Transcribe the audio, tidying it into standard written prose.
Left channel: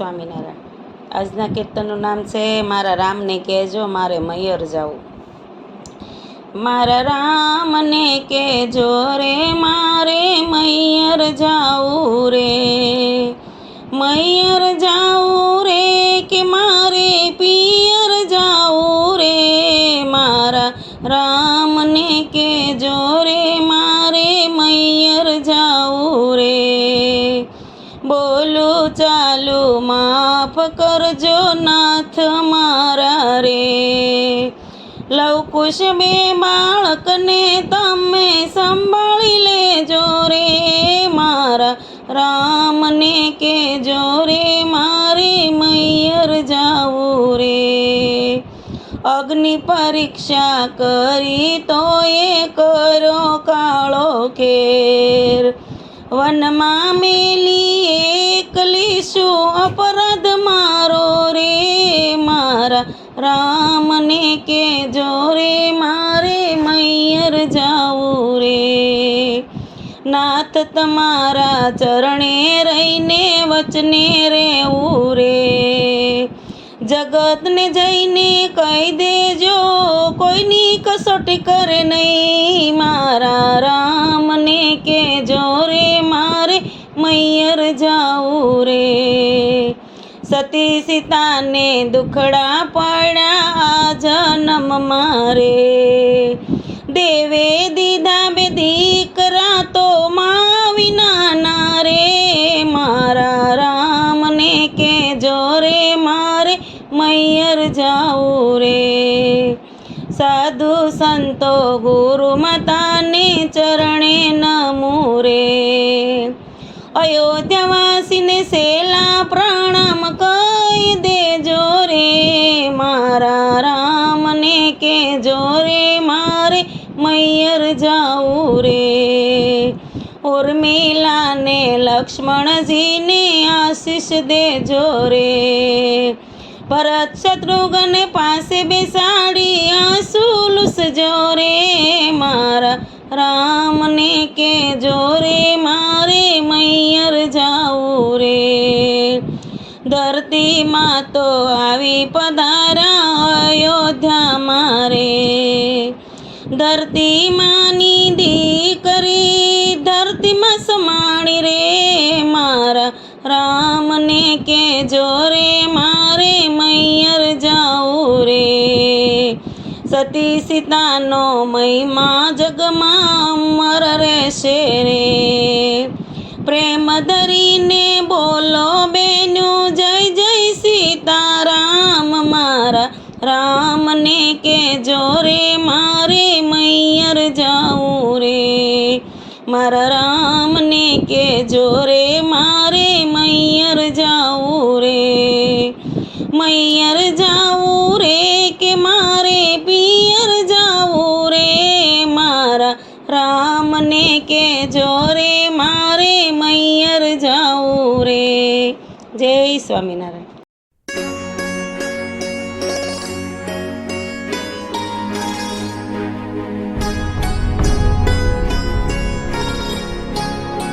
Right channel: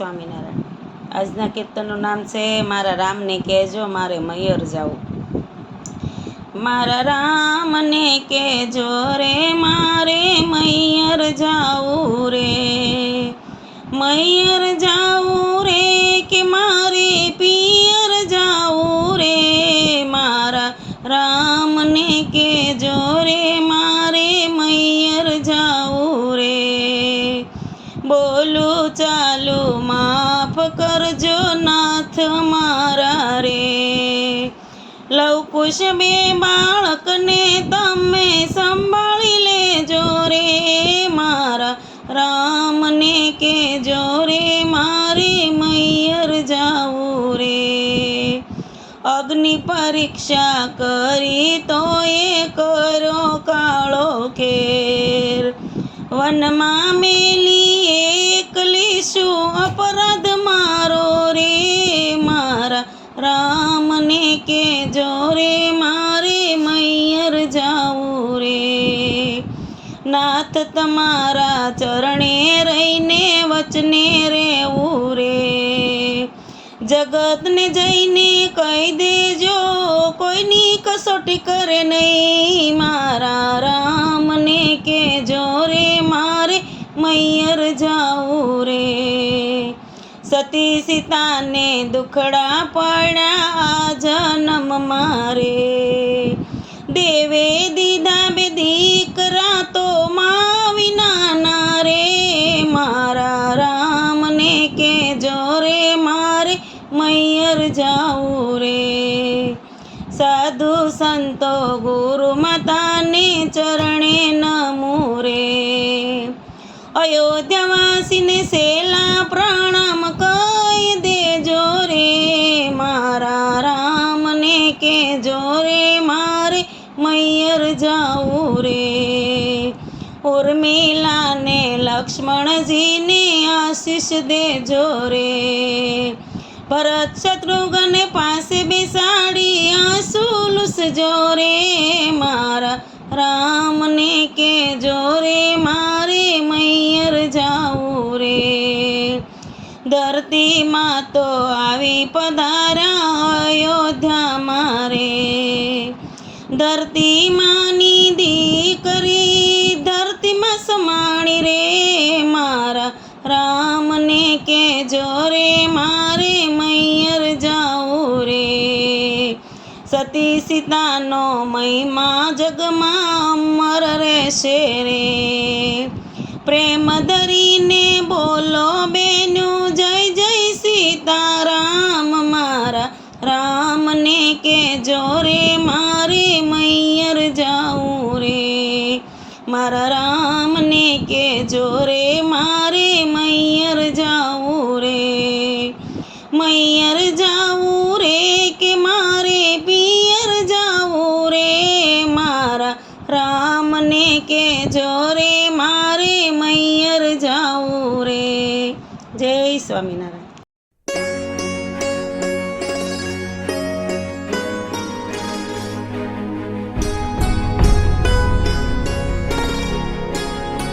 સ્વામિનારાયણ। આજના કીર્તનનું નામ છે મારા રામને કહેજો મારે મૈયર જાવું। મારા રામને કહેજો રે મારે મૈયર જાવું રે, મૈયર જાવું રે કે મારે પિયર જાવું રે। મારા રામને કહેજો રે મારે મૈયર જાવું રે। બોલું ચાલું માફ કરજો નાથ મારા રે। લવકુશ બે બાળકને તમે સંભાળી લેજો રે। મારા રામને કહેજો રે મારે મૈયર જાવું રે। અગ્નિ પરીક્ષા કરી તો એ કરો કાળો કેર, વનમાં મેલી એકલી શું અપરાધ મારો રે। મારા રામને કહેજો રે મારે મૈયર જાવું રે। નાથ તમારા ચરણે રહીને વચને રહેવું રે। જગતને જઈને કહી દેજો કોઈની કસોટી કરે નહીં। મારા રામને કહેજો રે મારે મૈયર જાવું રે। સતી સીતાને દુખડા પડ્યા આ જન્મ મારે, દેવે દીધા બે દીકરા તો મા વિનાના રે। મારા રામને કહેજો રે મારે મૈયર જાવું રે। સાધુ સંતો ગુરુ માતાને ચરણે નમું રે। અયોધ્યાવાસીને સેલા પ્રણામ કહી દેજો રે। મારા રામને કહેજો રે મારે મૈયર જાવું રે। ઉર્મિલાને લક્ષ્મણજીને આશીષ દેજો રે। ભરત શત્રુઘ્ન પાસે બેસાડી આંસુ લૂસજો રે। મારા રામને કહેજો રે મારે મૈયર જાવું રે। ધરતીમાં તો આવી પધારા અયોધ્યા મારે, ધરતીમાંની દીકરી ધરતીમાં સમાણી રે। મારા રામને કહેજો રે મારે મૈયર જાવું રે। સતી સીતાનો મહિમા જગમાં અમર રહેશે રે। પ્રેમ ધરીને બોલો બેનું જય જય સીતારામ। મારા રામને કહેજો રે મારે મૈયર જાવું રે। મારા રામને કહેજો રે મારે મૈયર જાવું રે। મૈયર જાવું રે કે મારે પિયર જાવું રે। મારા રામને કહેજો રે મારે મૈયર જાવું રે। જય સ્વામિનારાયણ।